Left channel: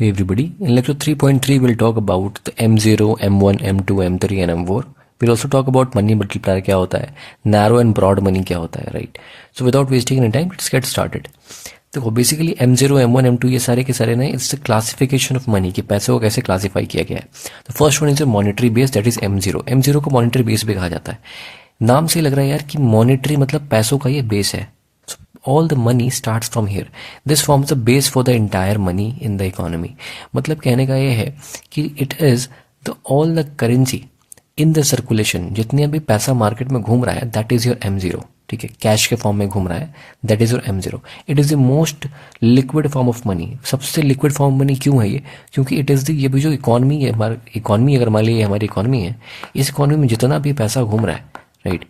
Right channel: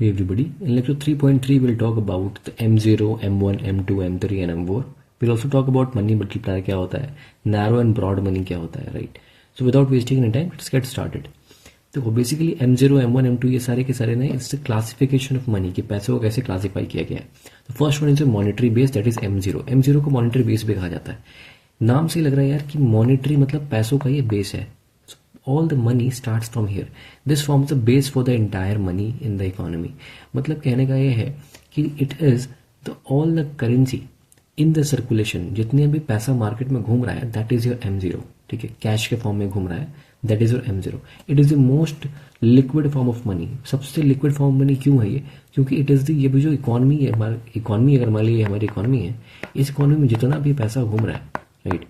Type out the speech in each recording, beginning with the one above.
Hey everybody, in lecture 3.3 we'll talk about the M0, M1, M2, M3 and M4. We'll also talk about money multiplier क्या होता है, narrow and broad money क्या होता है, right? So without wasting any time, let's get started. देखो basically M0, M1, M2 ये सारे के सारे ना इट्स क्लासिफिकेशन ऑफ मनी कि पैसे को कैसे क्लासीफाई किया गया है. The first one is a monetary base, that is M0. M0 को मॉनेटरी बेस भी कहा जाता है. नाम से ही लग रहा है यार कि मॉनेटरी मतलब पैसों का ये बेस है. All the money starts from here. This forms the base for the entire money in the economy. मतलब कहने का ये है कि it is the all the currency in the circulation, जितने भी पैसा मार्केट में घूम रहा है, that is your M0. ठीक है, कैश के फॉर्म में घूम रहा है, that is your M0. It is the most liquid form of money. सबसे लिक्विड फॉर्म मनी क्यों है ये? क्योंकि इट इज़ द ये भी जो इकॉनमी है, हमारी इकॉनमी अगर मान लीजिए हमारी इकॉनमी है, इस इकॉनमी में जितना भी पैसा घूम रहा है, राइट,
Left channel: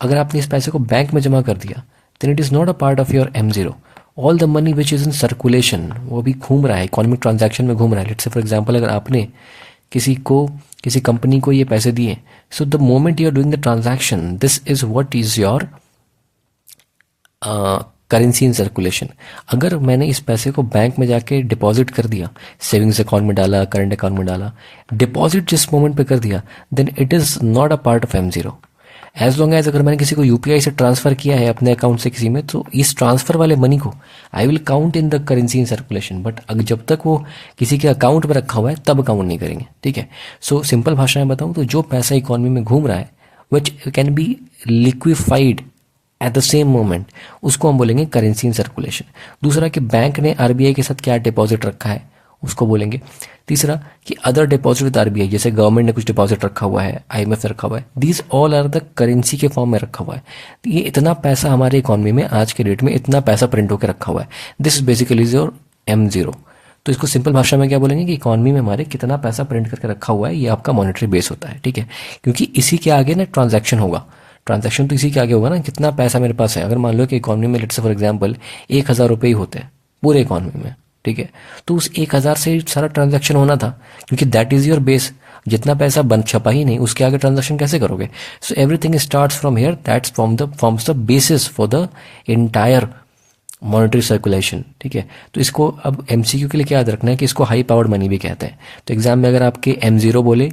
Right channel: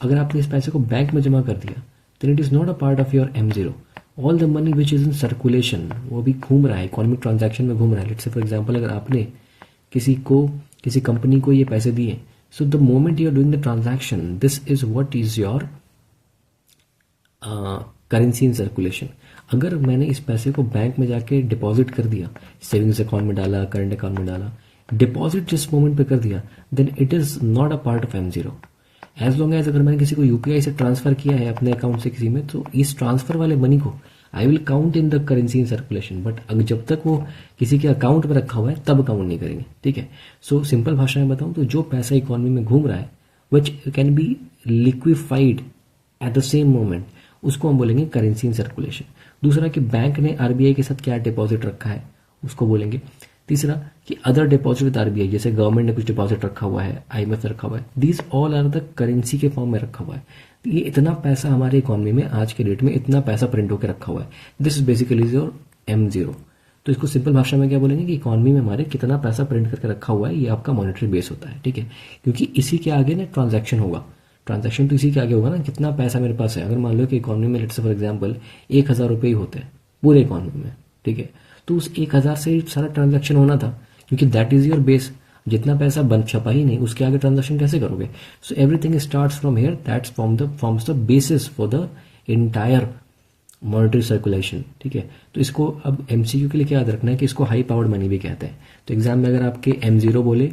अगर आपने इस पैसे को बैंक में जमा कर दिया, then it is not a part of your M0. All the money which is in circulation, वो भी घूम रहा है, इकोनॉमिक ट्रांजैक्शन में घूम रहा है. लेट्स से फॉर एग्जांपल अगर आपने किसी कंपनी को ये पैसे दिए, so the moment you are doing the transaction, this is what is your currency in circulation. अगर मैंने इस पैसे को बैंक में जाके डिपॉजिट कर दिया, सेविंग्स अकाउंट में डाला, करंट अकाउंट में डाला, डिपॉजिट जिस मोमेंट पे कर दिया, then it is not a part of M0. As long as अगर मैंने किसी को यूपीआई से ट्रांसफर किया है अपने अकाउंट से किसी में, तो इस ट्रांसफर वाले मनी को I will count in the currency in circulation. But जब तक वो किसी के अकाउंट में रखा हुआ है तब काउंट नहीं करेंगे. ठीक है, सो सिंपल भाषा में बताऊँ तो जो पैसा इकोनॉमी में घूम रहा है which can be liquefied at the same moment, उसको हम बोलेंगे करेंसी इन सर्कुलेशन. दूसरा कि बैंक ने आरबीआई के साथ क्या डिपॉजिट रखा है उसको बोलेंगे. तीसरा कि अदर डिपॉजिट विद आरबीआई, जैसे गवर्नमेंट ने कुछ डिपॉजिट रखा हुआ है, आईएमएफ ने रखा हुआ है, these all are the currency के फॉर्म में रखा हुआ है. तो ये इतना पैसा हमारे इकॉनमी में आज के डेट में इतना पैसा प्रिंट होकर रखा हुआ है, this is basically your M0. तो इसको सिंपल भाषा में क्या बोलेंगे कि इकॉनमी में हमारे कितना पैसा प्रिंट करके रखा हुआ है, ये आपका मॉनेटरी बेस होता है. ठीक है, क्योंकि इसी के आगे ना ट्रांजैक्शन होगा. ट्रांजैक्शन तो इसी के आगे होगा ना, कितना पैसा मेरे पास है. अगर मान लो कि इकॉनमी में लेट्स से फॉर एग्जाम्पल 1,000 रुपये ही होते हैं पूरे इकॉनमी में, ठीक है, तो उस 1,000 से सारा ट्रांजैक्शन होना था, क्योंकि दैट इज योर बेस. जितना पैसा बन छपा ही नहीं, उसके आगे ट्रांजैक्शन कैसे करोगे? So everything starts from here, that's forms the basis for the entire monetary circulation. ठीक है, तो इसको अब MCQ के लिए क्या याद रखना है कि इसको हाई पावर्ड मनी भी कहते हैं. तो एग्जाम में अगर आपके M0 बोले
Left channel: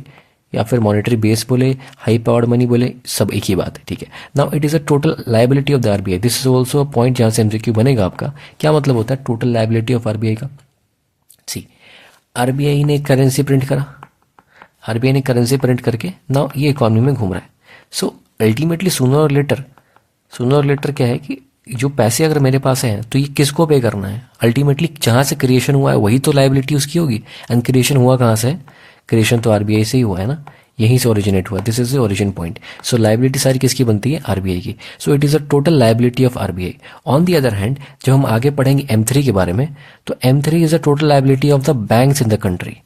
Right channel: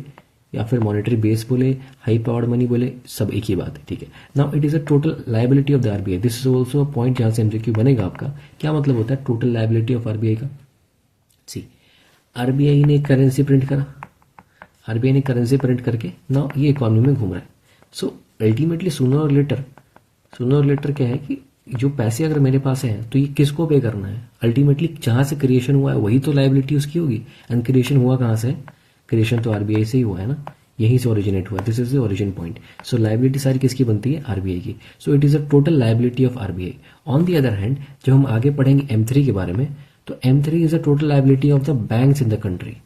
या फिर मॉनेटरी बेस बोले, हाई पावर्ड मनी बोले, सब एक ही बात है. ठीक है, now it is a total liability of the RBI. This is also a point जहाँ से MCQ बनेगा आपका. क्या मतलब होता है टोटल लाइबिलिटी ऑफ आरबीआई का? सी, आरबीआई ने करेंसी प्रिंट करा, आरबीआई ने करेंसी प्रिंट करके नाउ ये इकॉनमी में घूम रहा है. सो अल्टीमेटली सूनर और लेटर क्या है कि जो पैसे अगर मेरे पास हैं तो ये किसको पे करना है? अल्टीमेटली जहाँ से क्रिएशन हुआ है वही तो लाइबिलिटी उसकी होगी. एंड क्रिएशन हुआ कहाँ से? क्रिएशन तो आरबीआई से ही हुआ है ना, यहीं से ओरिजिनेट हुआ. This is the origin point. So liability सारी किसकी बनती है? आरबीआई की. So it is a total liability of RBI. On the other hand जब हम आगे पढ़ेंगे M3 के बारे में, तो M3 is a total liability of the banks in the country.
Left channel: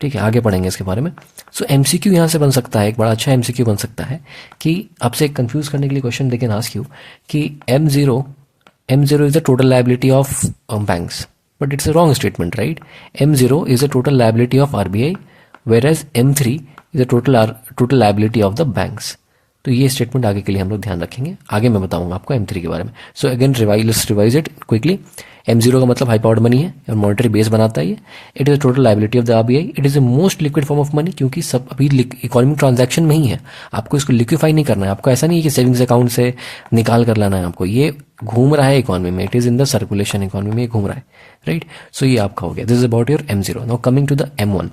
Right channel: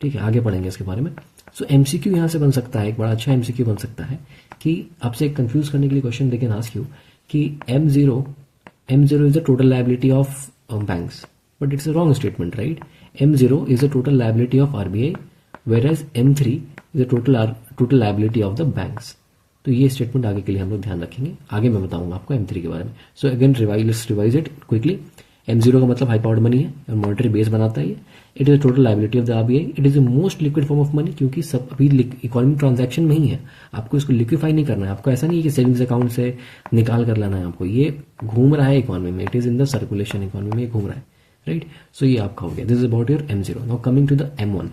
ठीक है, आगे पढ़ेंगे इसके बारे में. सो MCQ यहाँ से बन सकता है, एक बड़ा अच्छा MCQ बन सकता है कि आपसे कंफ्यूज करने के लिए question they can ask you कि M0 is the total liability of banks, but it's a wrong statement, right? M0 is the total liability of RBI, whereas M3 is the total liability of the banks. तो ये statement आगे के लिए हम लोग ध्यान रखेंगे. आगे मैं बताऊंगा आपको M3 के बारे में. So again let's revise it quickly. M0 का मतलब हाई पावर्ड मनी है और मॉनेटरी बेस बनाता है ये. It is the total liability of the RBI. It is the most liquid form of money, क्योंकि सब अभी इकोनॉमिक ट्रांजैक्शन में ही है. आपको इसको लिक्विफाई नहीं करना है. आपको ऐसा नहीं है कि सेविंग्स अकाउंट से निकाल कर लाना है आपको. ये घूम रहा है इकोनॉमी में, it is in the circulation, economy में घूम रहा है, राइट? सो ये आपका हो गया. This is about your M0. Now coming to the M1.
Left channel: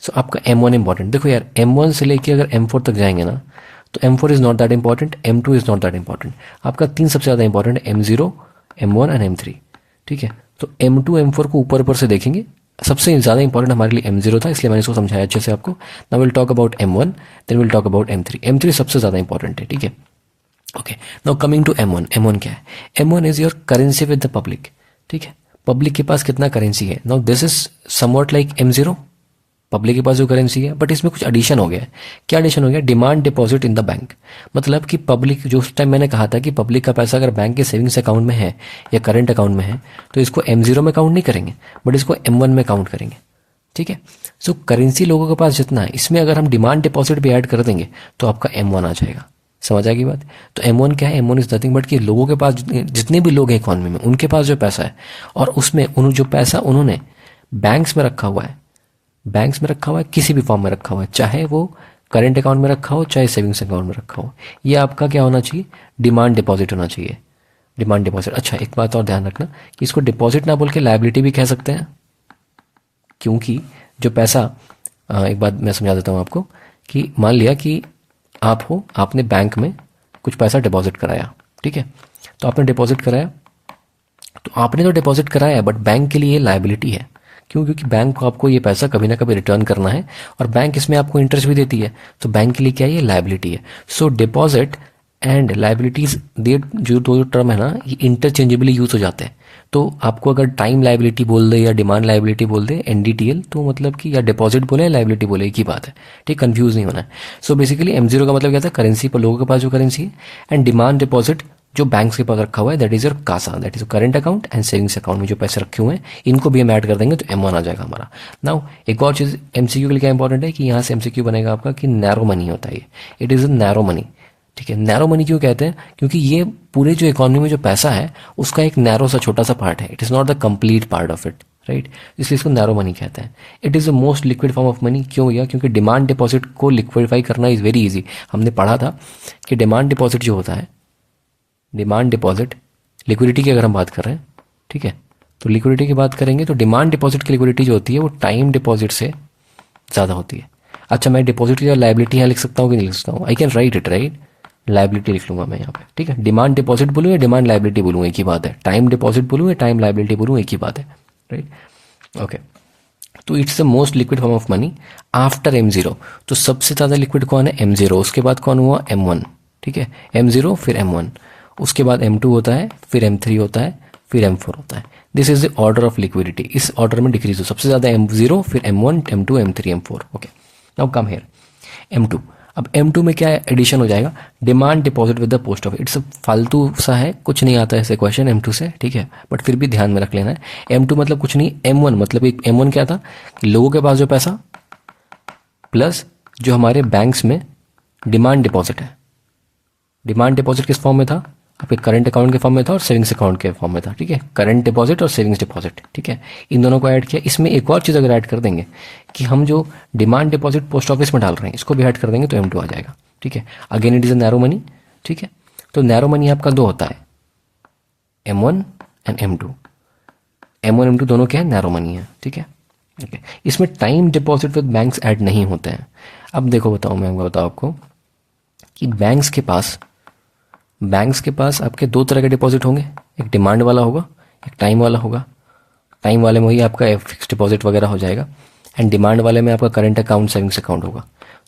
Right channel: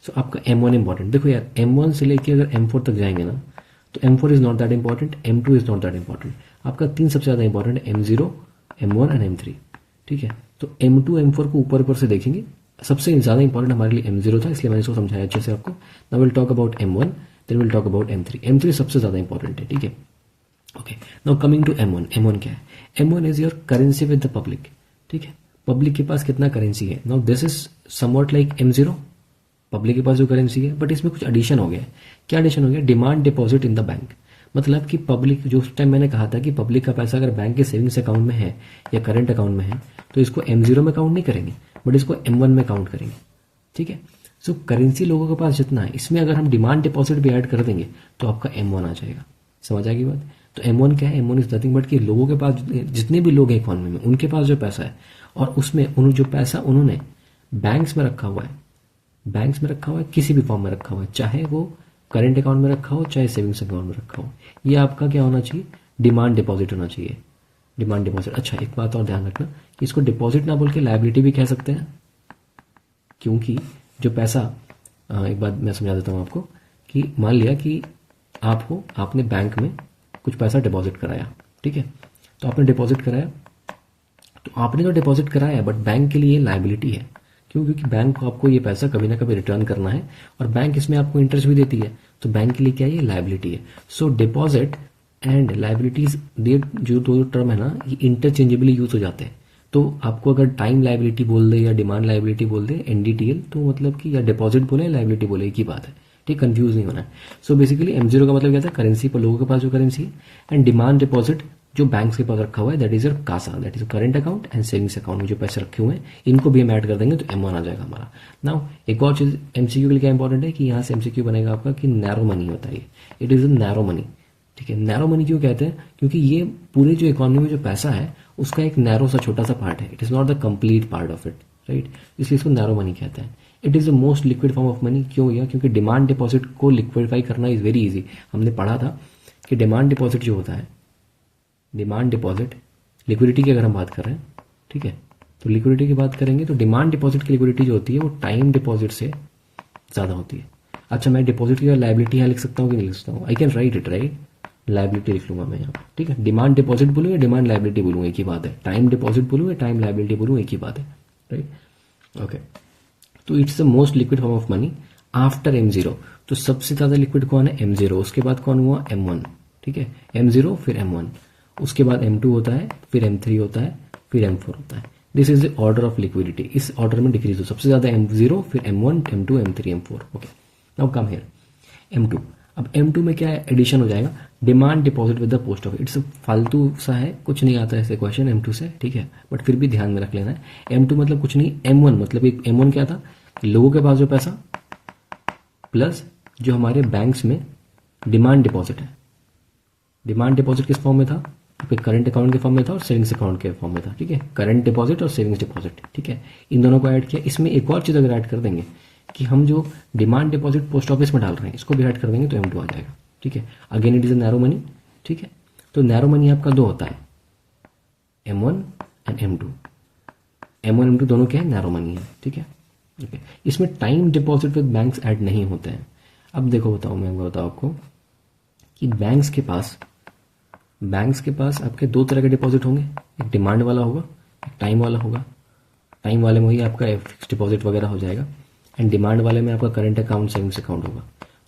So आपका M1 इंपॉर्टेंट. देखो यार, M1 से लेके अगर M4 तक जाएंगे ना, तो M4 is not that important, M2 is not that important. आपका 3 सबसे ज़्यादा इंपॉर्टेंट है, M0, M1 एंड M3. ठीक है, तो M2 M4 को ऊपर से देखेंगे. सबसे ज़्यादा इंपॉर्टेंट हमारे लिए M0 था, इसलिए मैंने इसको समझाया अच्छे से आपको. Now will talk about M1, then will talk about M3. M3 सबसे ज़्यादा इंपॉर्टेंट है. ठीक है, okay. Now coming to M1. M1 क्या है? M1 is your currency with the public. ठीक है, पब्लिक के पास कितना करेंसी है. Now this is somewhat like M0, public के पास जो करेंसी है, बट इसमें कुछ एडिशन हो गया है. क्या एडिशन हो गया? Demand deposit in the bank. मतलब कि पब्लिक, जो उस टाइम मैंने कहा था कि पब्लिक का पैसा अगर बैंक के सेविंग्स अकाउंट में है या करंट अकाउंट में है, तो इसको M0 में काउंट नहीं करेंगे, बट इसको M1 में काउंट करेंगे. ठीक है, सो करेंसी लोगों के पास जितना है, इसमें अगर हम डिमांड डिपॉजिट भी ऐड कर देंगे तो आपका M1 आ जाएगा. समझ आएगी बात? तो M1 क्या है? M1 इज नथिंग बट कि लोगों के पास जितने भी लोग हैं इकॉनमी में, उनके पास जो पैसा है, और उसमें जो पैसा उन्होंने बैंक्स में रखा हुआ है, बैंक्स में रखा हुआ है, किसी भी फॉर्म में रखा हुआ है, चाहे वो करंट अकाउंट में रखा हो चाहे सेविंग्स अकाउंट में रखा हो, ये आपका क्या होना चाहिए, डिमांड डिपॉजिट होना चाहिए, डिमांड डिपॉजिट। अच्छा एक बात और ध्यान रखना कि इसको डिपॉजिट ना बोल के लायबिलिटी भी कह सकते हैं, क्योंकि जो पैसा एक बात मैं समझा देता हूँ आपको कि मान लिया कि आप हो, आपने बैंक में कुछ पैसा डिपॉजिट कराया, ठीक है, तो आपने डिपॉजिट कराया, तो आपने तो डिपॉजिट कराया बट बैंक के लिए ये लायबिलिटी है। क्यों? क्योंकि बैंक को आपको ये पैसा कभी ना कभी रिटर्न करना है और बैंक इसमें आपको इंटरेस्ट भी देती है, तो बैंक के लिए क्या है, ये लायबिलिटी है। सो डिपॉजिट एंड लायबिलिटीज, ये जो दो टर्म है ना, ये इंटरचेंजेबली यूज हो जाते हैं। तो आपको अगर टाइम लायबिलिटी बोल दे या डिमांड लायबिलिटी बोल दे, एनडीटीएल, तो मतलब कि या डिपॉजिट बोले या लायबिलिटी बोले, एक ही बात है, ठीक, कंफ्यूज नहीं होना है। सो बेसिकली M0 का मतलब क्या था, करेंसी पर, लोगों के पास जो करेंसी है, एंड डिमांड डिपॉजिट जो बैंक्स के पास रखा हुआ है, that is your CASA, that is current account and savings account में जो पैसे रखे हुए हैं, इनको भी हम ऐड कर देंगे तो M1 आ जाएगा हमारा। नाउ एक और चीज़ MCQ के लिए क्या इंपॉर्टेंट है कि यहाँ से MCQ बनेगा आपका कि नैरो मनी होता है ये, it is a narrow money, ठीक है। नैरो मनी क्यों कहते हैं, क्योंकि ये पूरे जो इकोनॉमी में जो पैसा है उसका एक नैरो सा छोटा सा पार्ट है, it is not the complete part of it, right, इसलिए इसको नैरो मनी कहते हैं। It is the most liquid form of money. क्यों भैया? क्योंकि डिमांड डिपॉजिट को लिक्विडिफाई करना इज़ वेरी इजी। हमने पढ़ा था कि डिमांड डिपॉजिट जो होता है, डिमांड डिपॉजिट लिक्विडिटी की अगर हम बात कर रहे हैं, ठीक है, तो लिक्विडिटी की बात करेंगे तो डिमांड डिपॉजिट की लिक्विडिटी जो होती है वो टाइम डिपॉजिट से ज़्यादा होती है। अच्छा मैं डिपॉजिट की लायबिलिटी यहाँ लिख सकता हूँ कि नहीं लिख सकता हूँ? I can write it, right, liability लिख लूँगा मैं यहाँ पे, ठीक है। डिमांड डिपॉजिट बोलूँ या डिमांड लायबिलिटी बोलूँ, एक ही बात है। टाइम डिपॉजिट बोलूँ या टाइम लायबिलिटी बोलूँ, एक ही बात है, राइट, ओके। तो it's the most liquid form of money after M0। तो सबसे ज़्यादा लिक्विड कौन है? M0, उसके बाद कौन हुआ? M1, ठीक है, M0 फिर M1, उसके बाद M2 होता है, फिर M3 होता है, फिर M4 होता है। This is the order of liquidity, इस ऑर्डर में डिक्रीज हो, सबसे ज़्यादा M0 फिर M1 M2 M3 M4, okay. Now come here M2। अब M2 में क्या एडिशन हो जाएगा? Demand deposit with the post office. It's फालतू सा है, कुछ नहीं आता ऐसे क्वेश्चन M2 से, ठीक है, बट फिर भी ध्यान में रख लेना है। M2 मतलब कुछ नहीं, M1 मतलब एक M1 क्या था, लोगों के पास जो पैसा प्लस जो हमारे बैंक्स में डिमांड डिपॉजिट है। डिमांड डिपॉजिट किस फॉर्म में था? आपके करंट अकाउंट के फॉर्म में था और सेविंग्स अकाउंट के फॉर्म में था, ठीक है, करंट डिपॉजिट और सेविंग्स डिपॉजिट, ठीक है, इन दोनों को ऐड किया। इसमें एक और चीज़ अगर ऐड कर देंगे कि हम जो डिमांड डिपॉजिट पोस्ट ऑफिस में डाल रहे हैं इसको भी ऐड कर देंगे तो M2 आ जाएगा, ठीक है। Again it is a narrow money, ठीक है। तो नैरो मनी आपका दो होता है, M1 and M2। M1 M2 दोनों क्या है? नैरो मनी है, ठीक है, ओके। इसमें time deposit with banks add नहीं होते हैं। अब देखो बताओ, मैं बताऊँ आपको कि बैंक्स के पास आपके दो तरह के डिपॉजिट होंगे, एक डिमांड वाला होगा, एक टाइम वाला होगा। टाइम वाले में वही आपका फिक्स डिपॉजिट वगैरह हो जाएगा, एंड डिमांड वाले में आपका करंट अकाउंट सेविंग्स अकाउंट होगा।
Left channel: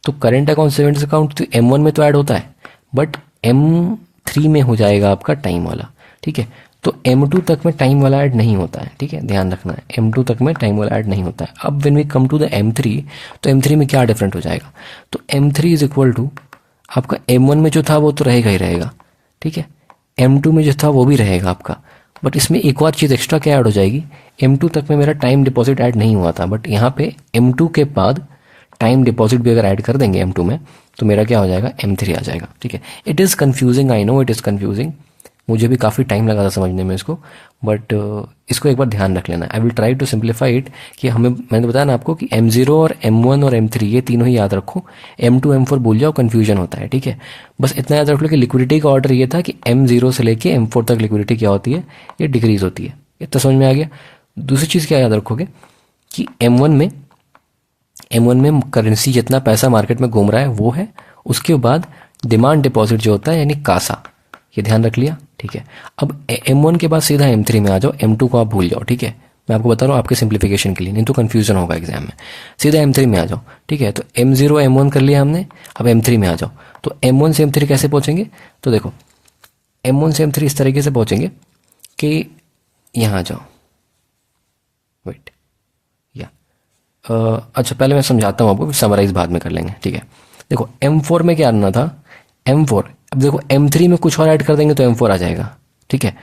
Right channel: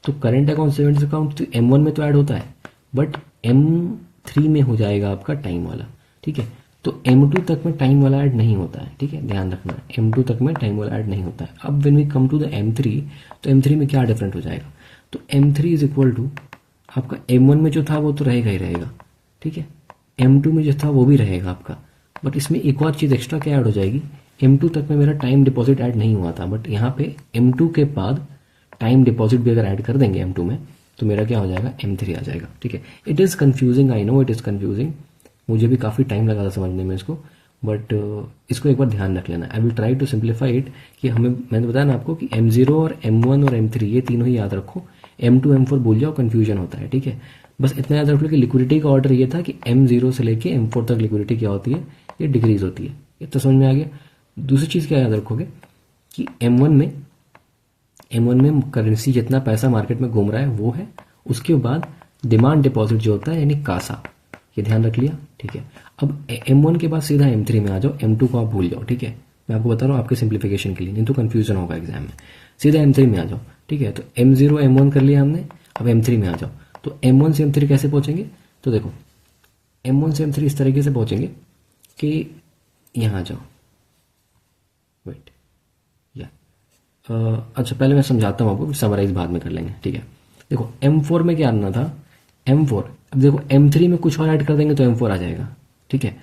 तो करंट अकाउंट सेविंग्स अकाउंट तो M1 में तो ऐड होता है, बट M3 में हो जाएगा आपका टाइम वाला, ठीक है। तो M2 तक में टाइम वाला ऐड नहीं होता है, ठीक है, ध्यान रखना है, M2 तक में टाइम वाला ऐड नहीं होता है। अब when we come to the M3, तो M3 में क्या डिफरेंट हो जाएगा? तो M3 इज इक्वल टू आपका M1 में जो था वो तो रहेगा ही रहेगा, ठीक है, M2 में जो था वो भी रहेगा आपका, बट इसमें एक और चीज़ एक्स्ट्रा क्या ऐड हो जाएगी? M2 तक में मेरा टाइम डिपॉजिट ऐड नहीं हुआ था, बट यहाँ पे M2 के बाद टाइम डिपॉजिट भी अगर ऐड कर देंगे M2 में तो मेरा क्या हो जाएगा? M3 आ जाएगा, ठीक है। It is confusing, I know it is confusing, मुझे भी काफ़ी टाइम लगा था समझने में इसको, बट इसको एक बार ध्यान रख लेना। I will try to simplify it कि हमें, मैंने बताया ना आपको कि M0 और M1 और M3 ये तीनों ही याद रखो, M2 M4 भूल जाओ, कन्फ्यूजन होता है, ठीक है। बस इतना याद रख लो कि लिक्विडिटी का ऑर्डर ये था कि M0 से लेके M4 तक लिक्विडिटी क्या होती है? ये डिक्रीज होती है। इतना समझ में आ गया? दूसरी चीज़ क्या याद रखोगे कि M1 में करेंसी जितना पैसा मार्केट में घूम रहा है वो है, उसके बाद डिमांड डिपॉजिट जो होता है यानी कासा, ये ध्यान रख लिया, ठीक है। अब M1 के बाद सीधा M3 में आ जाओ, M2 को आप भूल जाओ, ठीक है, मैं आपको बता रहा हूँ आपके सिंप्लीफिकेशन के लिए, नहीं तो कन्फ्यूजन होगा एग्जाम में। सीधा M3 में आ जाओ, ठीक है। तो M0 M1 कर लिया हमने, अब M3 में आ जाओ। तो M1 से M3 कैसे पहुँचेंगे? तो देखो M1 से M3 इस तरीके से पहुँचेंगे कि यहाँ आ जाओ, वेट या अच्छा पहले मैं समझाता हूँ आपको, समराइज बाद में कर लेंगे, ठीक है। देखो M4 में क्या आना था? M4, अब देखो M3 में कुछ और ऐड कर देंगे तो M4 आ जाएगा, ठीक है।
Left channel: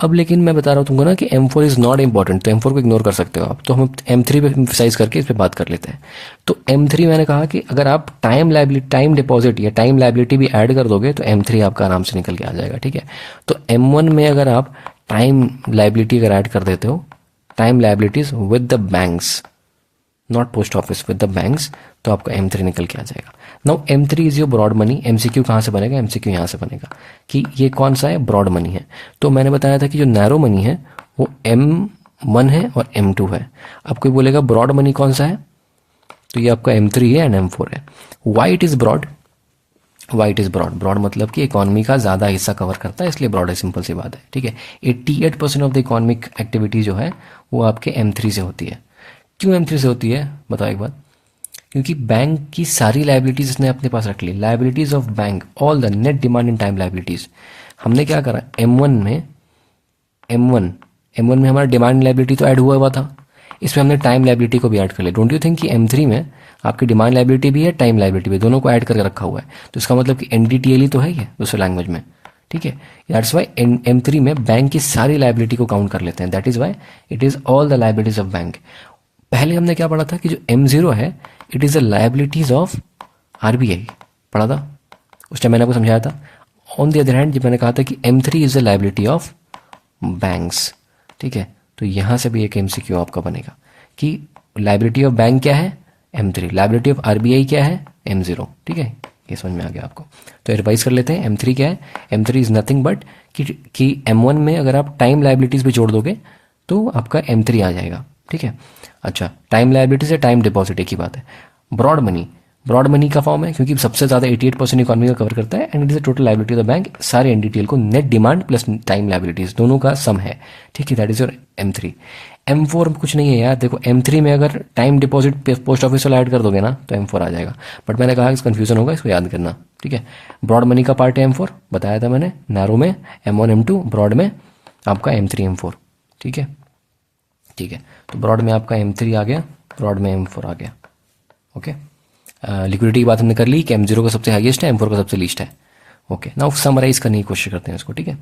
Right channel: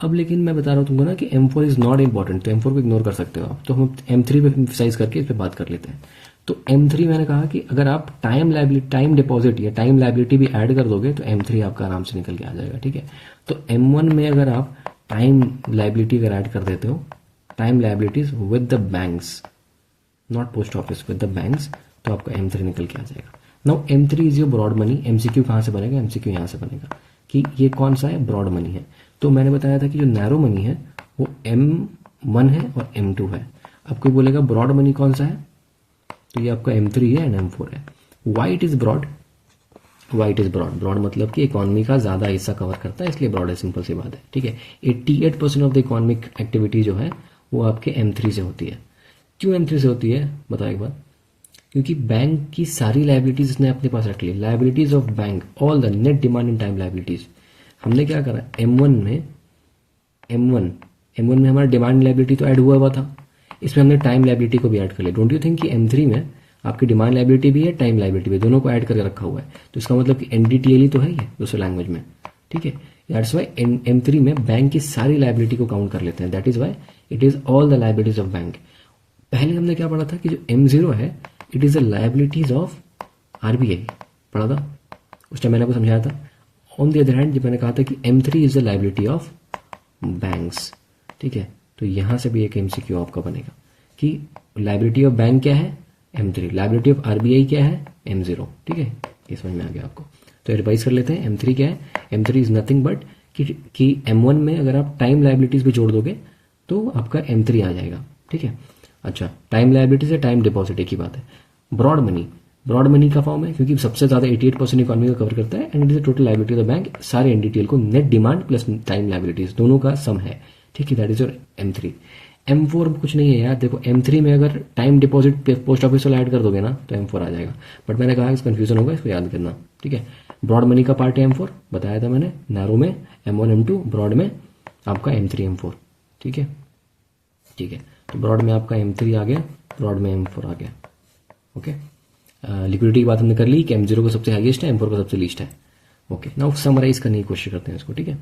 अब लेकिन मैं बता रहा हूँ तुमको ना कि M4 इज़ नॉट इंपॉर्टेंट, तो M4 को इग्नोर कर सकते हो आप, तो हम M3 पे एम्फसाइज करके इस पर बात कर लेते हैं। तो M3 मैंने कहा कि अगर आप टाइम डिपॉजिट या टाइम लायबिलिटी भी ऐड कर दोगे तो M3 आपका आराम से निकल के आ जाएगा, ठीक है। तो M1 में अगर आप टाइम लायबिलिटी अगर ऐड कर देते हो time liabilities with the banks, not post office, with the banks, तो आपका M3 निकल के आ जाएगा। Now M3 is your broad money. MCQ कहाँ से बनेगा? MCQ यहाँ से बनेगा कि ये कौन सा है? ब्रॉड मनी है। तो मैंने बताया था कि जो नैरो मनी है वो M1 है और M2 है। अब कोई बोलेगा ब्रॉड मनी कौन सा है? तो ये आपका M3 है एंड M4 है। Why it is broad? Why it is broad? Broad मतलब कि इकोनॉमी का ज़्यादा हिस्सा कवर करता है, इसलिए ब्रॉड है, सिंपल सी बात है, ठीक है। 88% ऑफ द इकोनॉमिक एक्टिविटी जो है वो आपके M3 से होती है। क्यों M3 से होती है बताओ एक बात? क्योंकि बैंक की सारी लाइबिलिटीज इसने अपने पास रख ली। Liabilities of bank, all the net demand in time liabilities. हमने क्या करा M1 में हमारा डिमांड लाइबिलिटी तो ऐड हुआ था, इसमें हमने टाइम लाइबिलिटी को भी ऐड कर लिया। डोंट यू थिंक कि M3 में आपकी डिमांड लाइबिलिटी भी है, टाइम लाइबिलिटी भी, दोनों को ऐड करके रखा हुआ है। तो इसका मतलब कि NDTL ही तो है ये दूसरे लैंग्वेज में, ठीक है। दैट्स वाई M3 में बैंक की सारी लाइबिलिटी को काउंट कर लेते हैं। That is why it is all the liabilities of bank. पहले हमने क्या पढ़ा था कि जो M0 है it is the liabilities of RBI, पढ़ा था उस टाइम, मैंने आपको समझाया था। ऑन द अदर हैंड जब मैंने कहा था कि M3 is the liability of banks, ठीक है। तो यहाँ से भी एक MCQ आपका बनेगा कि लाइबिलिटी ऑफ बैंक क्या है? M3। लाइबिलिटी ऑफ RBI क्या है? M0, ठीक है। ये समझ में आ गया आपको? तो रिवाइज कर लेते हैं। M3 क्या है? M3 इज नथिंग बट कि M1 में अगर आप टाइम लाइबिलिटीज भी जोड़ दोगे तो आपका M3 आ जाएगा, ठीक है। अच्छा, टाइम लाइबिलिटी से टाइम डिपॉजिट एक ही बात है। ब्रॉड मनी, ब्रॉड मनी का फॉर्म है क्योंकि सबसे ज़्यादा 88% इकोनॉमी का कवर करता है and it is the total liability of the bank. सारे NDTL को net demand plus time liabilities दोनों का सम है, ठीक है। That is your M3। M4 में कुछ नहीं है यार, देखो M3 में अगर टाइम डिपॉजिट पोस्ट ऑफिस वाला ऐड कर दोगे ना तो M4 आ जाएगा, बट मैंने कहा इस कन्फ्यूजन होगा, इसको याद करना, ठीक है। ब्रॉड मनी का पार्ट है M4, बताया था मैंने। नैरो में M1 M2, ब्रॉड में आपका M3 M4, ठीक है, ठीक है। तो ब्रॉड में आपका M3 आ गया, ब्रॉड में M4 आ गया, ओके। लिक्विडिटी की बात हमने कर ली कि M0 का सबसे हाईएस्ट है, M4 का सबसे लीस्ट है, ओके। नाउ समराइज करने की कोशिश करते हैं इसको, ठीक है।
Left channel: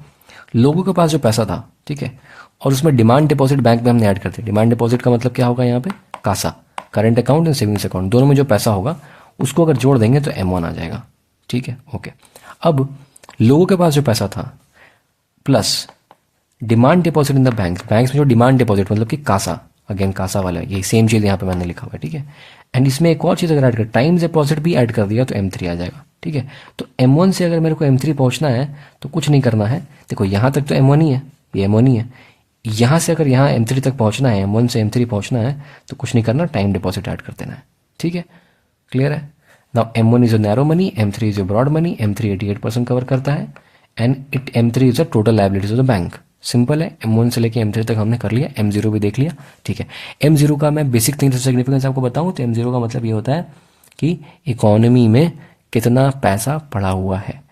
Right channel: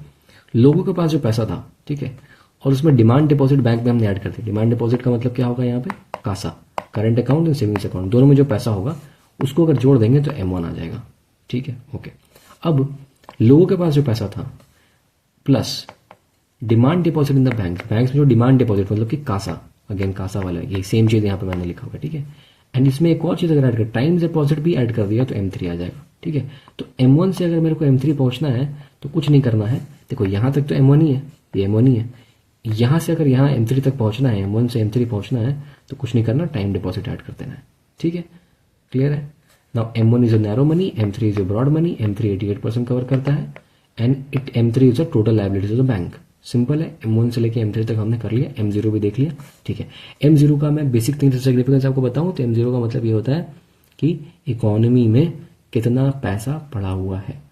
लोगों के पास जो पैसा था, ठीक है, और उसमें डिमांड डिपॉजिट बैंक में हमने ऐड कर दिया। डिमांड डिपॉजिट का मतलब क्या होगा यहाँ पे? CASA, current account and savings account, दोनों में जो पैसा होगा उसको अगर जोड़ देंगे तो M1 आ जाएगा, ठीक है, ओके। अब लोगों के पास जो पैसा था plus demand deposit in the banks, banks में जो डिमांड डिपॉजिट मतलब कि कासा, अगेन कासा वाला, ये सेम चीज़ यहाँ पे मैंने लिखा हुआ है, ठीक है। एंड इसमें एक और चीज़ अगर ऐड कर टाइम डिपॉजिट भी ऐड कर दिया तो M3 आ जाएगा, ठीक है। तो M1 से अगर मेरे को M3 पहुँचना है तो कुछ नहीं करना है, देखो यहाँ तक तो M1 ही है, ये M1 ही है। यहाँ से अगर यहाँ M3 तक पहुँचना है, M1 से M3 पहुँचना है तो कुछ नहीं करना, टाइम डिपॉजिट ऐड कर देना है, ठीक है, क्लियर है। Now M1 is a narrow money, M3 is a broad money. M3 88% cover करता है and M3 is a total liabilities of the bank. Simple है, M1 से लेके M3 तक हमने कर लिया, M0 भी देख लिया, ठीक है। M0 का मैं बेसिक थिंग्स सिग्निफिकेंस आपको बताऊं तो M0 का मतलब ये होता है कि इकोनॉमी में कितना पैसा पड़ा हुआ है,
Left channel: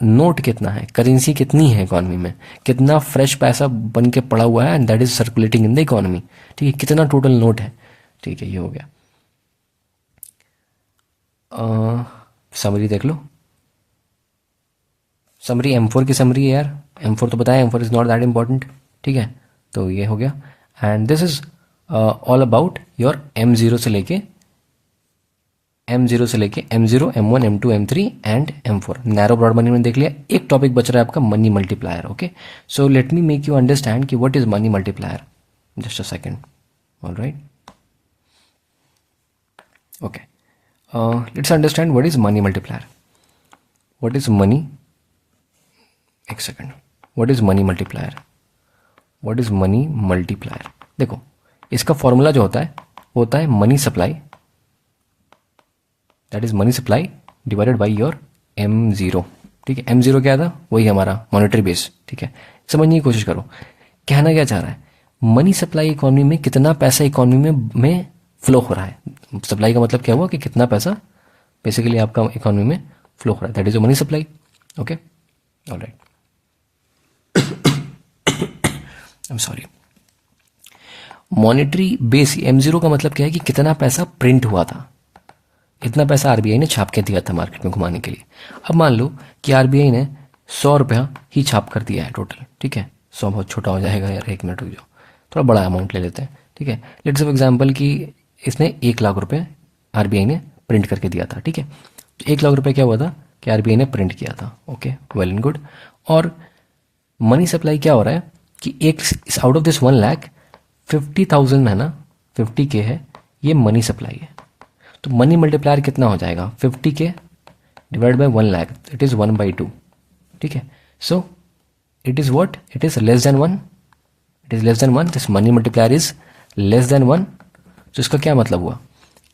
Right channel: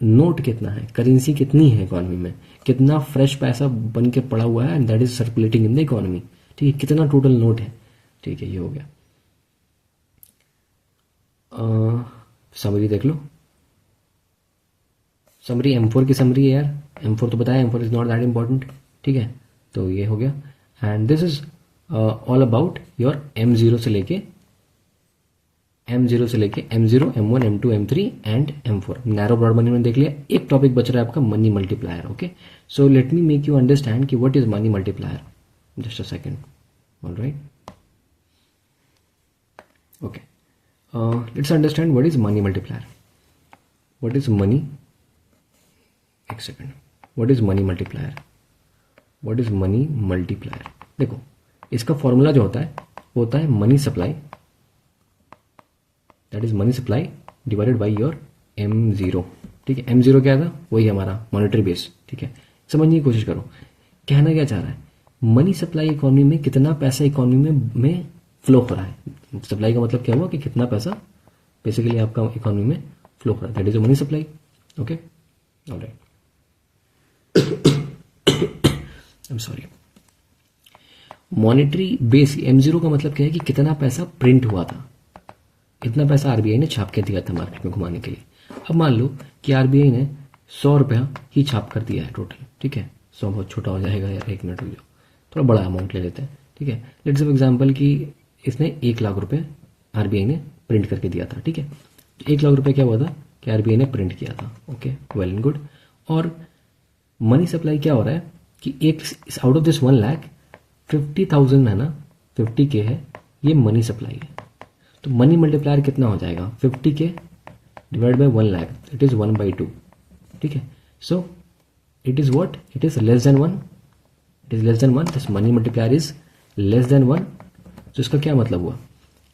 नोट कितना है, करेंसी कितनी है इकोनॉमी में, कितना फ्रेश पैसा बन के पड़ा हुआ है and that is circulating in the economy, ठीक है, कितना टोटल नोट है, ठीक है, ये हो गया। समरी देख लो, समरी M4 की समरी है यार, M4 तो बताया, M4 is not that important, ठीक है। तो ये हो गया and this is all about your M0 से लेके M0, M1, M2, M3 and M4। Narrow broad money में देख लिया। एक टॉपिक बच रहा है आपका money multiplier, okay. So let me make you understand कि what is money multiplier. Just a second, all right, okay. Let's understand what is money multiplier. What is money, एक second, what is money multiplier, what is money multiplier. देखो इसका formula जो होता है money supply, that is money supply divided by your M0, ठीक है। M0 क्या था? वही हमारा मॉनेटरी बेस, ठीक है। समझने की कोशिश करो, कहना क्या चाह रहा है? मनी सप्लाई इकोनॉमी में कितना पैसा इकोनॉमी में फ्लो हो रहा है। सप्लाई का मतलब क्या हुआ कि कितना पैसा बेसिकली आपका इकोनॉमी में फ्लो हो रहा है, that is money supply, okay, alright. I am sorry. Monetary base M0 का मतलब क्या है कि कितना पैसा प्रिंट हुआ था, इतना पैसा RBI ने छाप के दिया था मार्केट में घुमाने के लिए। अब मान लो कि RBI ने 100 रुपया ही छाप कर दिया है टोटल, ठीक है। 100 बहुत छोटा हो जाएगा यार, एक मिनट रुक जाओ, थोड़ा बड़ा अमाउंट ले लेते हैं, ठीक है। लेट्स फॉर एग्जांपल कि इसने 1 लाख रुपये RBI ने प्रिंट करके दिया था, ठीक है। 1 लाख रुपये क्या हुआ था कि RBI ने प्रिंट किया था, ओके, वेल एंड गुड। और मनी सप्लाई क्या हो रहा है कि एक आउट ऑफ दिस 1 लाख 50,000 है ना, 50K है, ये मनी सप्लाई है, तो मनी मल्टीप्लायर कितना हो जाएगा, 50K divide by 1 lakh, it is 1/2, ठीक है। So it is what, it is less than 1, it is less than 1, this money multiplier is less than 1। तो इसका क्या मतलब हुआ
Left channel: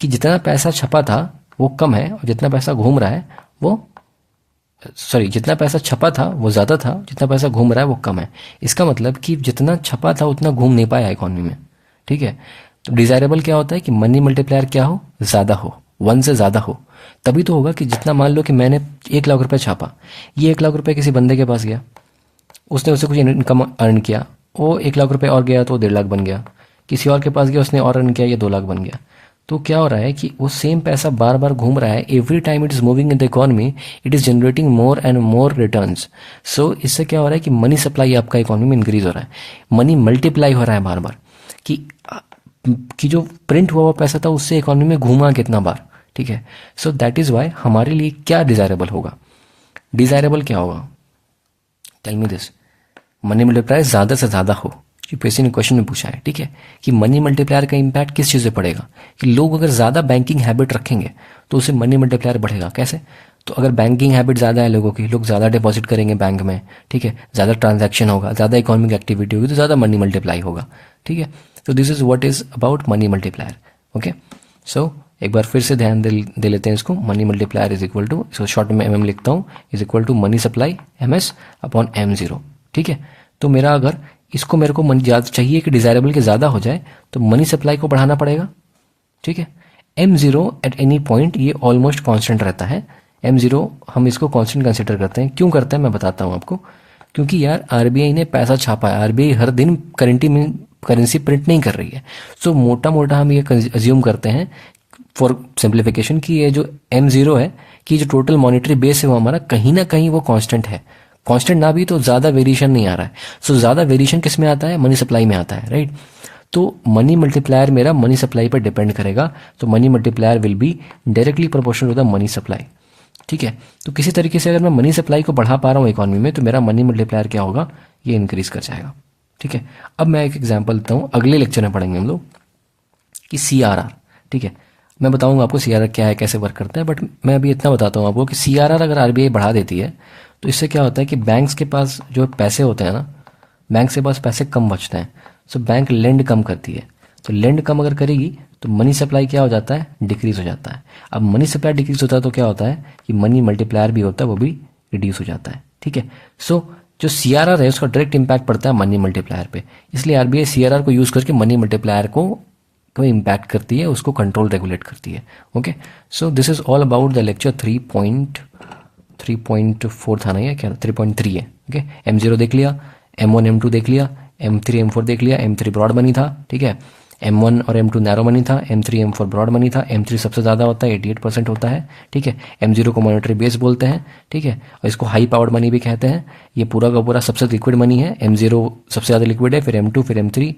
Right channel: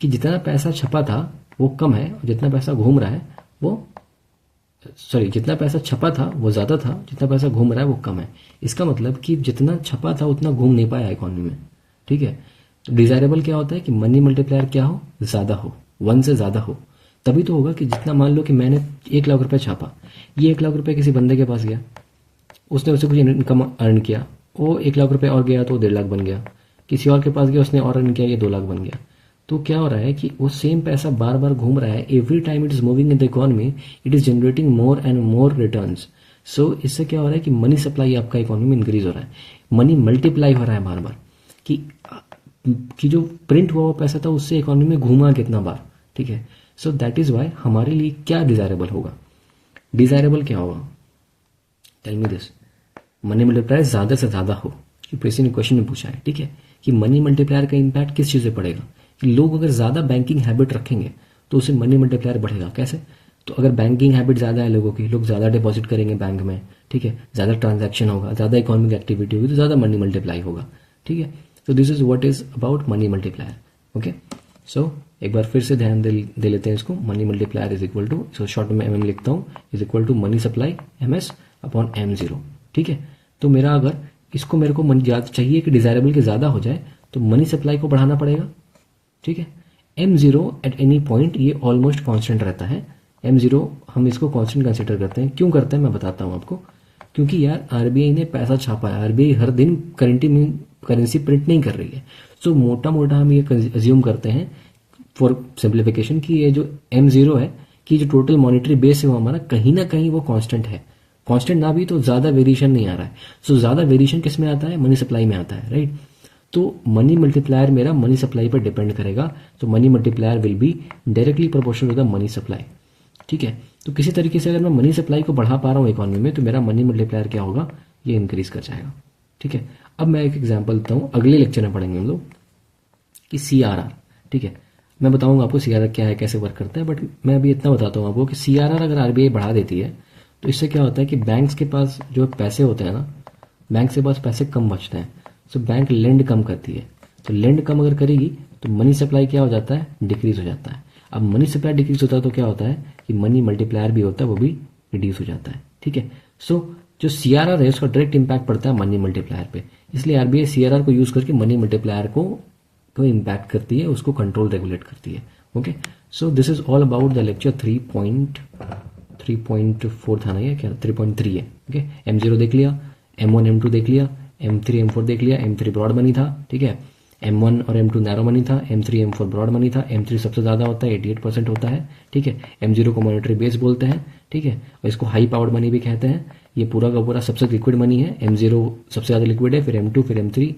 कि जितना पैसा छपा था वो कम है, और जितना पैसा घूम रहा है वो, सॉरी, जितना पैसा छपा था वो ज़्यादा था, जितना पैसा घूम रहा है वो कम है। इसका मतलब कि जितना छपा था उतना घूम नहीं पाया इकॉनमी में, ठीक है। तो डिज़ायरेबल क्या होता है कि मनी मल्टीप्लायर क्या हो, ज़्यादा हो, 1 से ज़्यादा हो, तभी तो होगा कि जितना, मान लो कि मैंने 1 लाख रुपए छापा, ये 1 लाख रुपए किसी बंदे के पास गया, उसने उससे कुछ इनकम अर्न किया, वो 1 लाख रुपए और गया तो 1.5 लाख बन गया, किसी और के पास गया उसने और अर्न किया, ये 2 लाख बन गया। तो क्या हो रहा है कि वो सेम पैसा बार बार घूम रहा है, every time it is moving in the economy, it is generating more and more returns. So इससे क्या हो रहा है कि मनी सप्लाई आपका इकॉनमी में इंक्रीज हो रहा है, मनी मल्टीप्लाई हो रहा है बार बार, कि जो प्रिंट हुआ हुआ पैसा था उससे इकॉनमी में घूमा कितना बार, ठीक है। सो दैट इज़ वाई हमारे लिए क्या डिज़ायरेबल होगा, डिज़ायरेबल क्या होगा, tell me this, money multiplier ज़्यादा से ज़्यादा हो। यूपीएससी ने क्वेश्चन में पूछा है, ठीक है, कि मनी मल्टीप्लायर का इम्पैक्ट किस चीज़ से पड़ेगा, कि लोग अगर ज़्यादा बैंकिंग हैबिट रखेंगे तो उससे मनी मल्टीप्लायर बढ़ेगा। कैसे, तो अगर बैंकिंग हैबिट ज़्यादा है लोगों की, लोग ज़्यादा डिपॉजिट करेंगे बैंक में, ठीक है, ज़्यादा ट्रांजैक्शन होगा, ज़्यादा इकोनॉमिक एक्टिविटी होगी, तो ज़्यादा मनी मल्टीप्लाई होगा, ठीक है। तो this is what is about money multiplier. Okay, so एक बार फिर से ध्यान दे लेते हैं इसको, money multiplier is equal to, इसको शॉर्ट में एम लिखता हूँ, is equal to money supply MS upon M0, ठीक है। तो मेरा अगर इसको मेरे को मनी ज़्यादा चाहिए कि डिज़ायरेबल के ज़्यादा हो जाए, तो मनी सप्लाई को बढ़ाना पड़ेगा, ठीक है। M0 एट एनी पॉइंट ये ऑलमोस्ट कांस्टेंट रहता है, M0 हम इसको कांस्टेंट कंसिडर करते हैं। क्यों करते हैं मैं बताता हूँ आपको, क्योंकि यार RBI ने पैसा छापा है, RBI हर दिन करेंसी प्रिंट नहीं कर रही है। सो मोटा मोटा हम ये अज्यूम करते हैं फॉर सिंप्लीफिकेशन कि ये जो M0 है कि जो टोटल मॉनिटरी बेस है वो हमारा कहीं ना कहीं वो कांस्टेंट है, कांस्टेंट ना भी तो ज़्यादा वेरिएशन नहीं आ रहा है। सो ज़्यादा वेरिएशन किस में आता है, मनी सप्लाई में आता है, राइट। तो मनी मल्टीप्लायर मेरा मनी सप्लाई पर डिपेंड करेगा, तो money multiplier will be directly proportional to the money supply, ठीक है। तो किसी तरीके से अगर मैं मनी सप्लाई को बढ़ा पा रहा हूँ इकॉनमी में, तो मेरा मनी मल्टीप्लायर क्या होगा, ये इंक्रीज कर जाएगा, ठीक है। अब मैं एक एग्जांपल देता हूँ, अगले लेक्चर में पढ़ेंगे हम लोग कि CRR, ठीक है। मैं बताऊंगा आपको CRR क्या है, कैसे वर्क करता है, बट मैं अभी इतना बताता हूँ आपको कि CRR अगर RBI बढ़ा देती है तो इससे क्या होता है कि बैंक्स के पास जो पैसे होते हैं ना, बैंक के पास पैसे कम बचते हैं, सो बैंक लेंड कम करती है। तो लेंड कम अगर करेगी तो मनी सप्लाई क्या हो जाता है, डिक्रीज हो जाता है। अब मनी सप्लाई डिक्रीज होता है तो क्या होता है कि मनी मल्टीप्लायर भी होता है, वो भी रिड्यूस हो जाता है, ठीक है। सो जो CRR है उसका डायरेक्ट इंपैक्ट पड़ता है मनी मल्टीप्लायर पे, इसलिए RBI CRR को यूज़ करके मनी मल्टीप्लायर को इम्पैक्ट करती है, उसको कंट्रोल रेगुलेट करती है। Okay, so this is all about the lecture 3.4 था ना, या क्या 3.3 है। ओके, M0 देख लिया, M1 M2 देख लिया, M3 M4 देख लिया, M3 ब्रॉड मनी था, ठीक है। M1 और M2 नैरो मनी था, M3 M4 ब्रॉड मनी था, M3 सबसे ज़्यादा होता है, 88% होता है, ठीक है। M0 को मॉनेटरी बेस बोलते हैं, ठीक है, और इसको हाई पावर्ड मनी भी कहते हैं। ये पूरा का पूरा सबसे लिक्विड मनी है, M0 सबसे ज़्यादा लिक्विड है, फिर M2, फिर M3,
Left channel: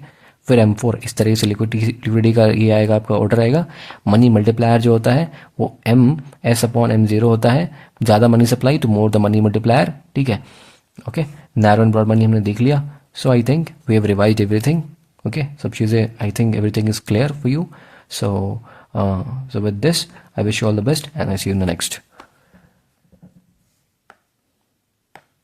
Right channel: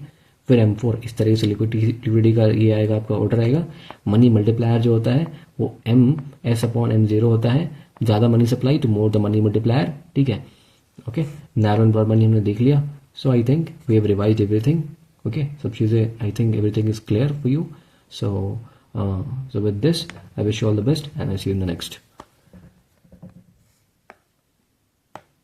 फिर M4, इस तरीके से लिक्विडिटी का ये आएगा, आपका ऑर्डर आएगा। मनी मल्टीप्लायर जो होता है वो MS अपॉन M0 होता है, ज़्यादा मनी सप्लाई तो मोर द मनी मल्टीप्लायर, ठीक है। Okay, narrow and broad money हमने देख लिया। So I think we have revised everything. Okay, सब चीज़ें, I think everything is clear for you. So with this I wish you all the best and I see you in the next.